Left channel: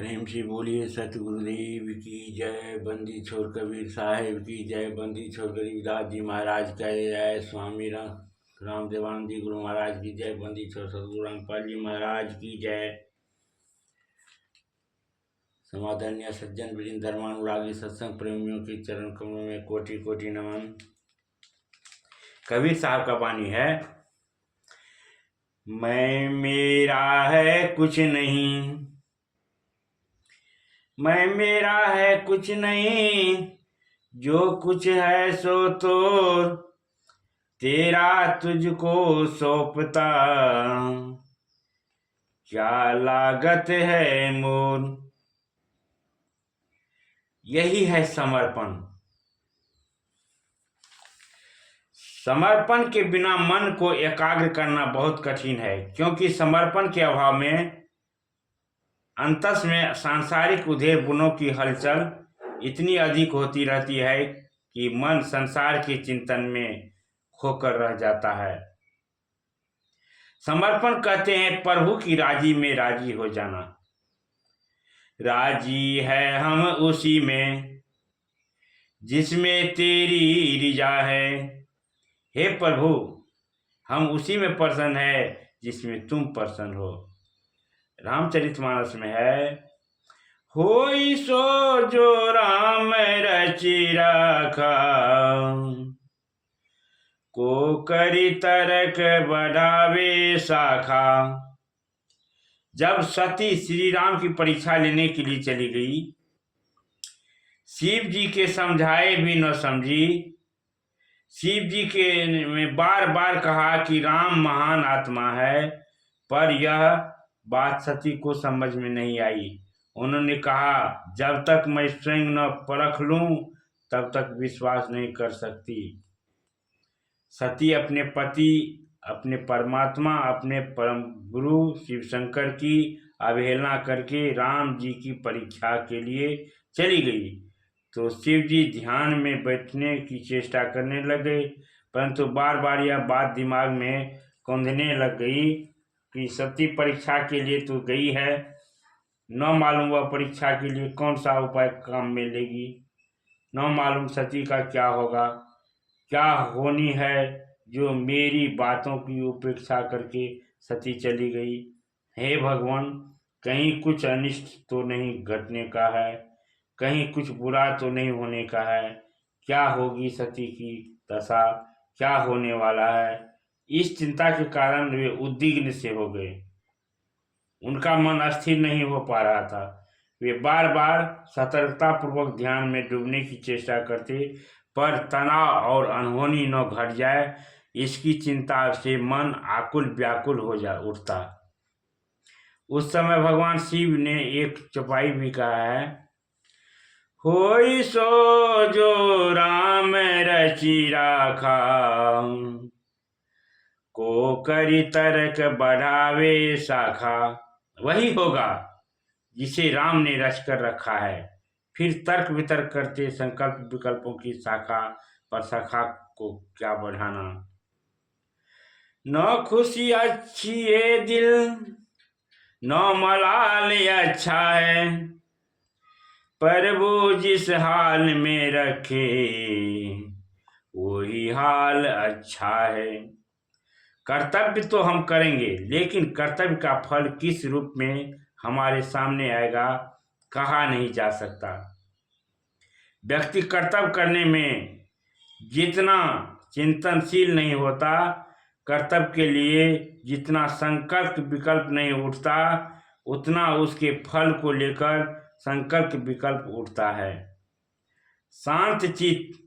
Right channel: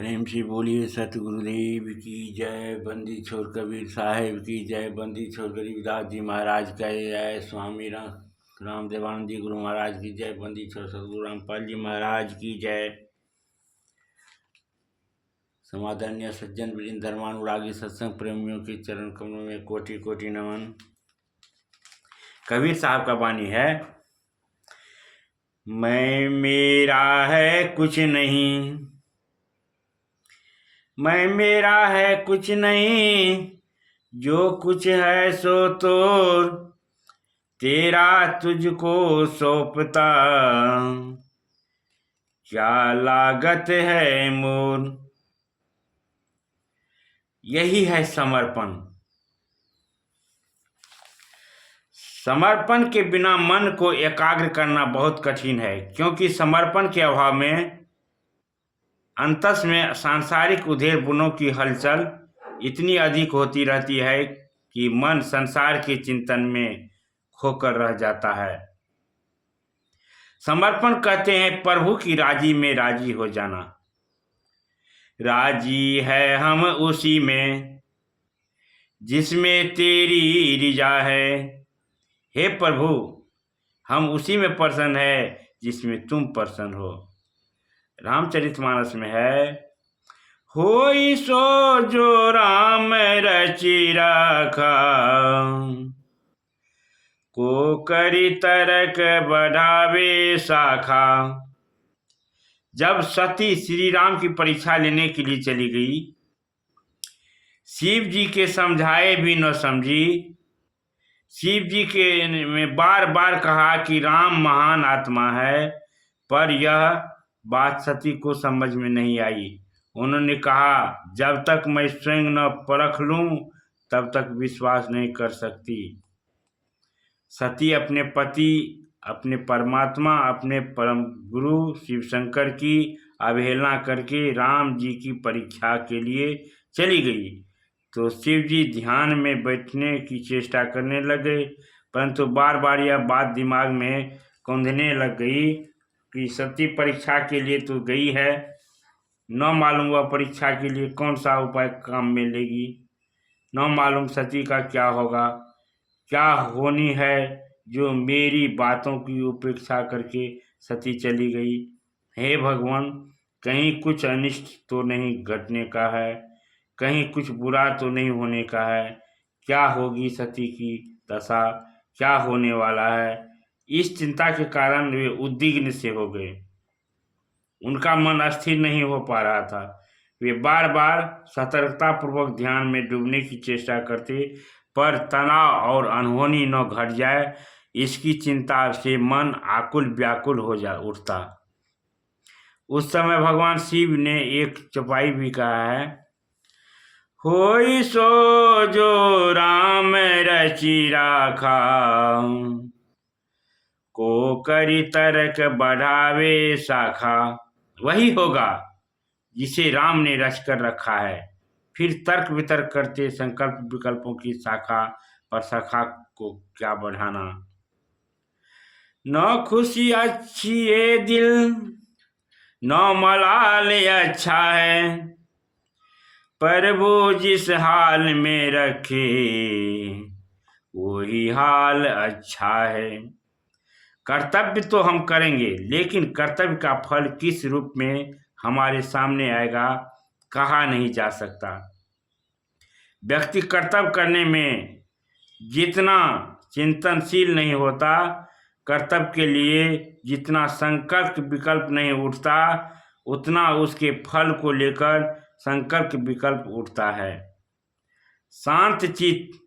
प्रेम से बोलिए सतगुरुदेव की जय। बंदी छोड़ कबीर साहेब की जय। बंदी छोड़ गरीबदास जी महाराज का जय। स्वामी राम देवानंद जी गुरु महाराज की जय। बंदी छोड़ सतगुरु रामपाल जी महाराज की जय। समादरणीय सज्जन वृंद धर्मानुरागी सत्संग प्रेमियों के चरण कमलों में कोटि कोटि नमन। कबीर साहब का वाणी है, मैं मेरा है कुछ नहीं, मैं मेरा है कुछ नहीं, जो कुछ है सो तो तेरा तुझको सौंपता, क्या लागत है मोर। यही है समर्पण। समर्पण के बिना मन को एकाग्र करना बहुत कठिन है, क्योंकि समर्पण के अभाव में अंतस में सांसारिक उधेड़ बुनों की हलचल इतनी अधिक होती रहती है कि मन संसार के चिंतन में खोकर रह जाता है। समर्पण कहते हैं प्रभु की राजी में राजी हो जाना। राजी है हम उसी में जिसमें तेरी रिजा है। हे प्रभु, हम उसी में प्रसन्न है जिसमें तुम प्रसन्न हो। रामचरितमानस में है, होई सो जो राम रचि रखा, को करी तरक बढ़ावे शाखा। जब सती श्री राम की परीक्षा लेने के लिए चली गई, शिव जी के समझाए भी न समझी। शिव जी के में बार बार कहा कि राम महान आत्मा है, पर यह बात सती को समझ में नहीं आई। उन्होंने कहा, जब तक मैं स्वयं न परख लूं तब तक विश्वास नहीं कर सकती। सती अपने पति, अपने परमात्मा, अपने परम गुरु शिव शंकर की अवहेलना करके राम जी की परीक्षा के लिए चली गई। तो शिव जी ध्यान में बैठने की चेष्टा करने लगे, परंतु बार बार यह बात दिमाग में कौंधने लग गई कि सती परीक्षा के लिए तो गई है, न मालूम वह परीक्षा के लिए कौन सा उपाय काम में लेगी, न मालूम सती का क्या होगा, क्या होनी है जो मेरी बातों की उपेक्षा करके सती चली गई। हे भगवान, कहीं कुछ अनिष्ट तो नहीं घटने का है, कहीं कुछ बुरा तो नहीं होने का है। क्या होगी सती की दशा, क्या होने वाला है। इस चिंता के कारण वे उद्विग्न से हो गए। उनका मन स्थिर नहीं हो पा रहा था। वे बार बार सतर्कता पूर्वक ध्यान में डूबने की चेष्टा करते, पर तनाव और अनहोनी न घट जाए इसकी चिंता से मन आकुल व्याकुल हो जा उठता। उस समय भगवान शिव ने एक चौपाई भी कहा है, होई सो जो राम रचि राखा, को करी तर्क बढ़ावे शाखा। वही होगा जिसे राम ने रच कर रखा है। फिर तर्क वितर्क करते संकल्प विकल्पों की शाखा पर शाखा को क्या बढ़ाना। न खुशी अच्छी ये दिल, न मलाल अच्छा है, प्रभु जिस हाल में रखे वही हाल अच्छा है। कर्तव्य तो हम करेंगे, लेकिन कर्तव्य का फल किस रूप में हमारे सामने आएगा कहा नहीं जा सकता। व्यक्ति कर्तव्य करने में जितना चिंतनशील नहीं होता, कर्तव्य के लिए जितना संकल्प विकल्प नहीं उठता, उतना उसके फल को लेकर संकल्प विकल्प उठता है। शांत चित्त,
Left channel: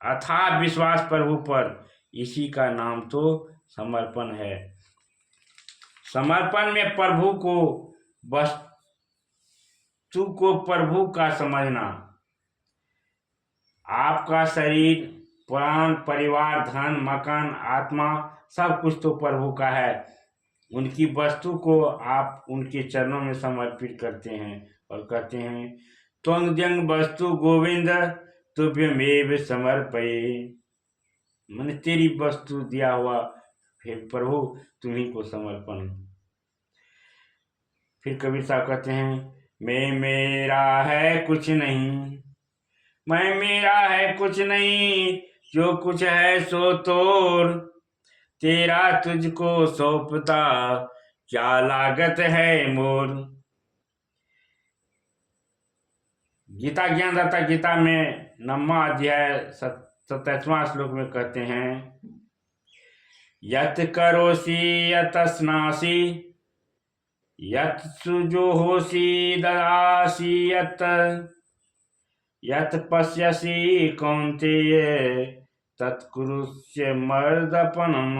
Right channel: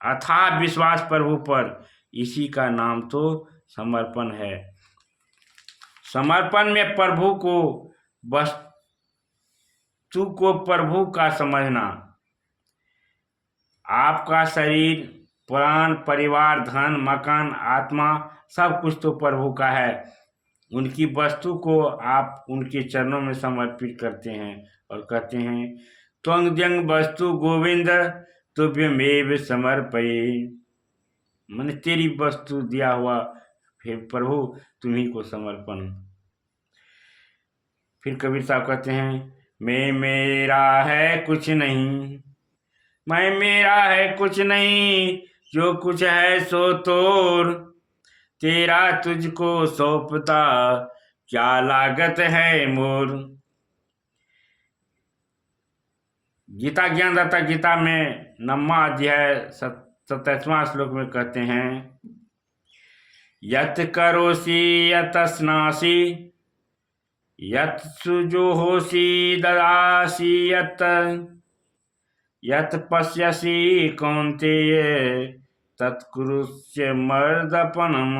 अथाह विश्वास प्रभु पर, इसी का नाम तो समर्पण है। समर्पण में प्रभु को, वस्तु को प्रभु का समझना। आपका शरीर, प्राण, परिवार, धन, मकान, आत्मा सब कुछ तो प्रभु का है। उनकी वस्तु को आप उनके चरणों में समर्पित करते हैं और कहते हैं, त्वंग वस्तु गोविंद तुभ्यमेव समर्पये। मैंने तेरी वस्तु दिया हुआ फिर प्रभु तुम्ही को समर्पण। फिर कबीर साहब कहते हैं, मैं मेरा है कुछ नहीं, मैं मेरा है कुछ नहीं, जो कुछ है सो तोर, तेरा तुझको सौंपता क्या लागत है मोर। गीता ज्ञानदाता गीता में 9वां अध्याय 27वां श्लोक में कहते हैं, यत करोसि यत स्नासि यत सुजुहोसि ददासि यत पश्यसि कौन्तेय तत्कुरुष्य मर्दपणम।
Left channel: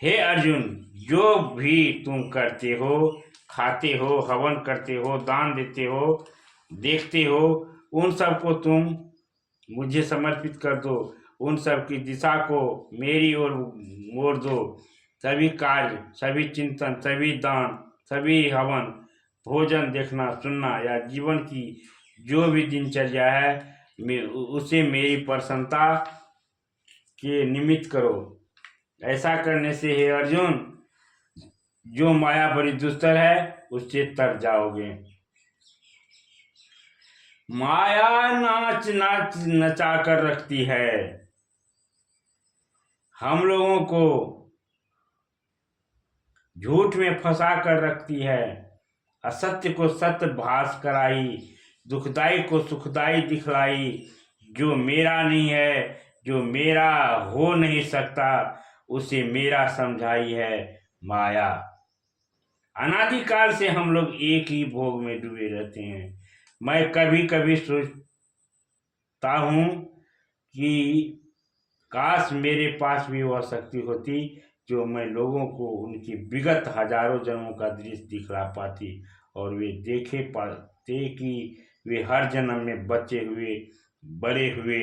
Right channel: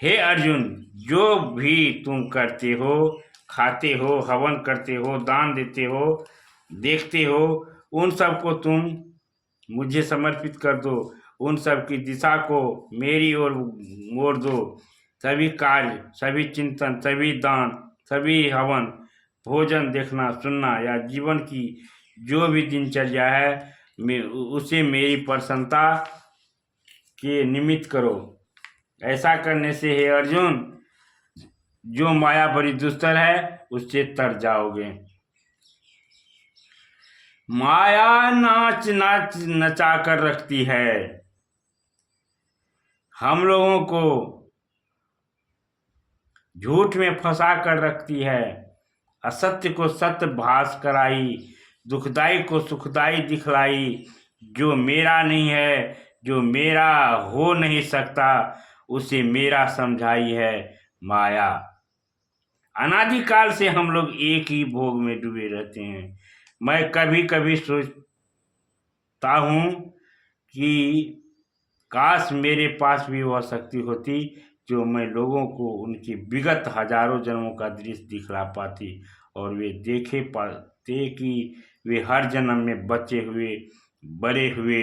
हे अर्जुन, जो भी तुम करते हो, खाते हो, हवन करते हो, दान देते हो, देखते हो, उन सबको तुम मुझे समर्पित कर दो, उन सब की दिशा को मेरी ओर मोड़ दो। सभी कार्य, सभी चिंतन, सभी दान, सभी हवन, भोजन, देखना सुनना या जीवन की जो भी दिनचर्या है, उसे मेरी प्रसन्नता के निमित्त करो। ऐसा करने से हे अर्जुन, जो माया बड़ी दुस्तर है उससे तर जाओगे। माया नाच नाच नचा कर रखती है, हम लोगों को झूठ में फंसा कर रखती है, असत्य को सत्य भास कराई, दुखदाई को सुखदाई दिखलाई। जो मेरा नहीं है, जो मेरा हो नहीं सकता, उसे मेरा समझाई है माया। अनादिकाल से हम लोग एक ही भोग में डूबे रहते हैं। मैं कभी कभी सोचता हूँ कि काश मेरे पास भी वह शक्ति होती जो मैं लोगों को उनकी विगत हजारों जन्मों का दृश्य दिखला पाती और वे देखे पाते कि वे हर जन्म में बच्चे हुए, बड़े हुए,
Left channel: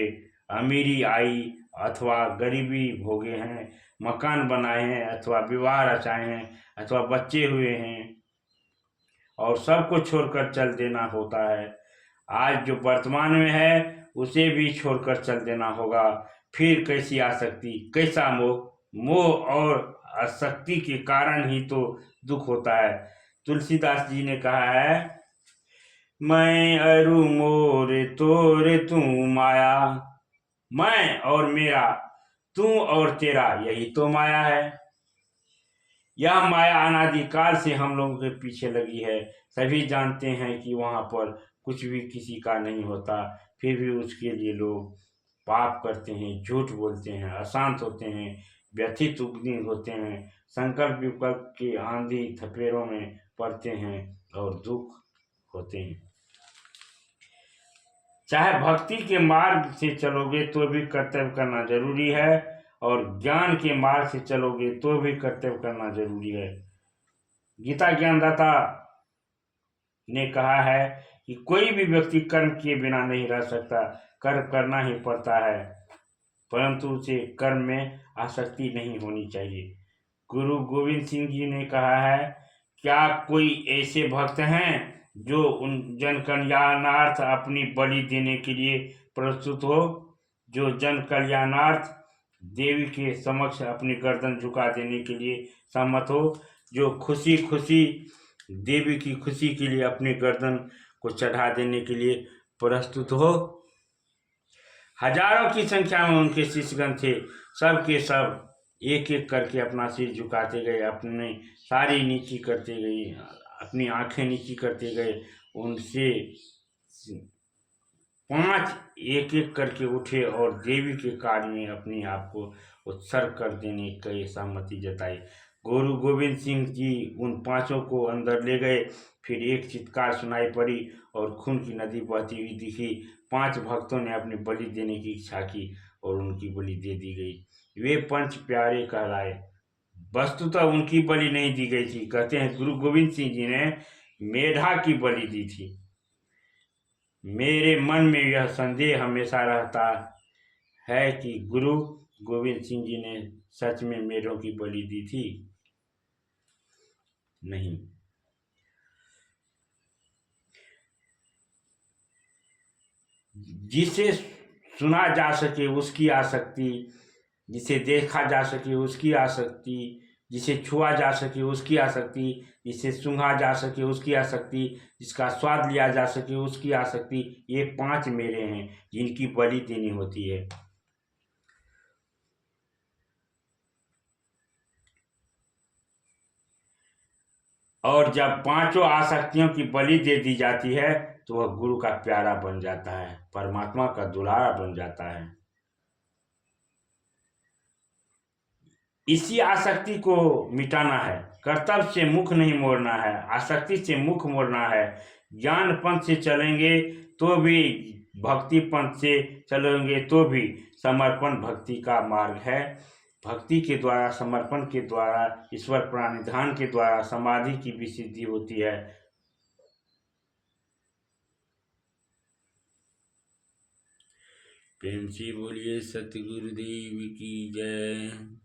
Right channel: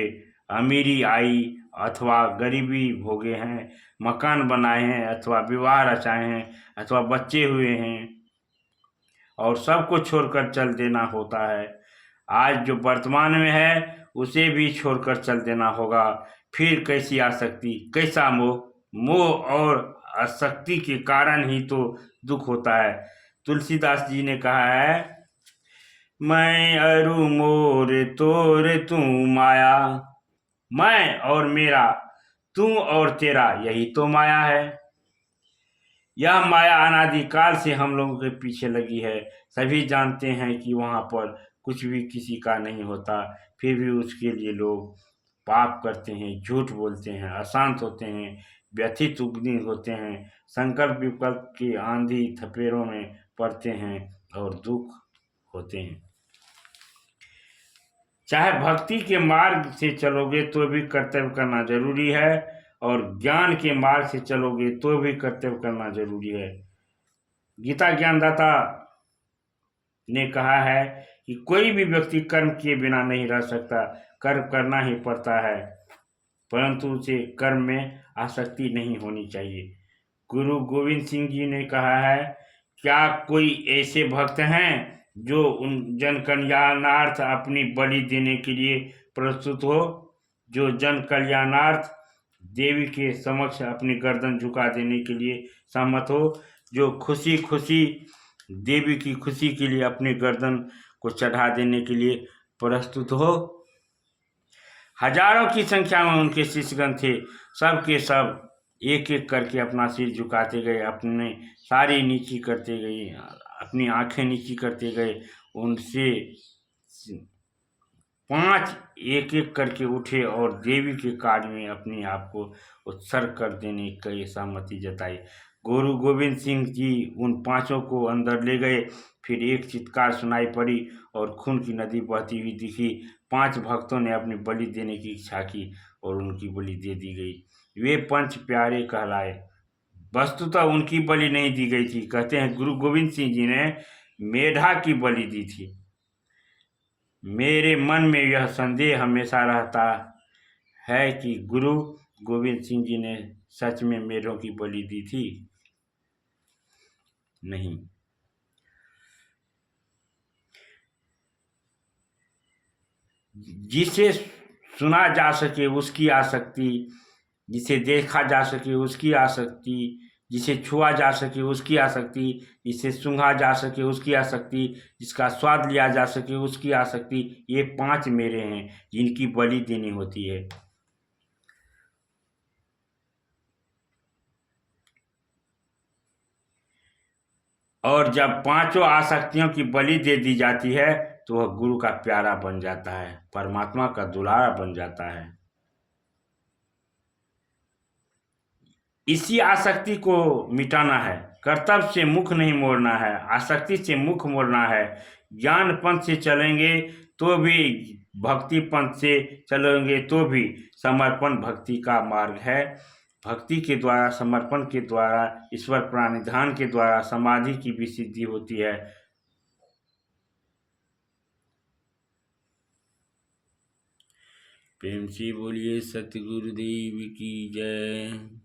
अमीरी आई अथवा गरीबी भोगे हैं, मकान बनाए हैं अथवा विवाह रचाए हैं अथवा बच्चे हुए हैं और सबको छोड़कर चल देना होता है। आज जो वर्तमान में है उसे भी छोड़कर चल देना होगा। फिर कैसी आसक्ति, कैसा मोह, मोह और आसक्ति के कारण ही तो दुख होता है। तुलसीदास जी ने कहा है, मैं अरु मोर तोर तू माया, मैं और मेरा, तू और तेरा, यही तो माया है। यह माया अनादिकाल से हम लोगों के पीछे लगी है। सभी जानते हैं कि वहाँ पर कुछ भी किसी का नहीं होता, फिर भी उसके लिए लोग पाप करते हैं, झूठ बोलते हैं, अशांत होते हैं, व्यथित उग्नि होते हैं, संकल्प विकल्प के आंधी थपेड़ों में पड़ते हैं और दुख होते हैं। चाहे भक्ति के मार्ग से चलोगे तो भी कर्तव्य करना जरूरी है और ज्ञान के मार्ग से चलोगे तो भी कर्तव्य करना जरूरी है। गीता ज्ञानदाता ने कहा है कि कोई भी व्यक्ति कर्म किए बिना नहीं रह सकता, कर्म करना ही पड़ता है, परंतु उसे कर्म में आसक्ति नहीं होनी चाहिए। गुरु गोविंद सिंह जी ने कहा है, क्या कोई ऐसे भक्त हैं जो उन जन कल्याणार्थ अपनी बलि देने के लिए प्रस्तुत हो, जो जन कल्याणार्थ देवी के समक्ष अपनी गर्दन झुका देने के लिए सहमत हो, जो खुशी खुशी देवी की खुशी के लिए अपनी गर्दन को चढ़ा देने के लिए प्रस्तुत हो। हजारों की संख्या में उनके शिष्यगण थे, सब के सब एक एक करके अपना सिर झुकाते गए, अपने सारी नीची करते गए, अपनी आंखें नीची करते गए। उनसे 5 एक एक करके उठे और देवी के कार्य में अपने आप को उत्सर्ग कर देने की सहमति जताई। गुरु गोविंद सिंह जी उन 5 को अंदर ले गए। फिर एक चित्कार सुनाई पड़ी और खून की नदी बहती हुई दिखी। 5 भक्तों ने अपनी बलि देने की इच्छा की और उनकी बलि दे दी गई। वे पंच प्यारे कहलाए। वस्तुतः उनकी बलि नहीं दी गई थी। कहते हैं गुरु गोविंद सिंह जी ने मेढा की बलि दी थी। मेरे मन में यह संदेह हमेशा रहता है कि गुरु गोविंद सिंह जी ने सच में मेढों की बलि दी थी। नहीं, जिसे सुना जा सके उसकी आसक्ति, जिसे देखा जा सके उसकी आसक्ति, जिसे छुआ जा सके उसकी आसक्ति, जिसे सूंघा जा सके उसकी आसक्ति, जिसका स्वाद लिया जा सके उसकी आसक्ति, ये 5 मेरे हैं जिनकी बलि देनी होती है। और जब 5 आसक्तियों की बलि दे दी जाती है तो वह गुरु का प्यारा बन जाता है, परमात्मा का दुलारा बन जाता है। इसी आसक्ति को मिटाना है, कर्तव्य से मुख नहीं मोड़ना है, आसक्ति से मुख मोड़ना है। ज्ञान पंथ से चलेंगे तो भी, भक्ति पंथ से चलेंगे तो भी, समर्पण भक्ति का मार्ग है। भक्ति के द्वारा, समर्पण के द्वारा, ईश्वर प्रणिधान के द्वारा समाधि की भी सिद्धि होती है। प्रेम से बोलिए सतगुरुदेव की जय।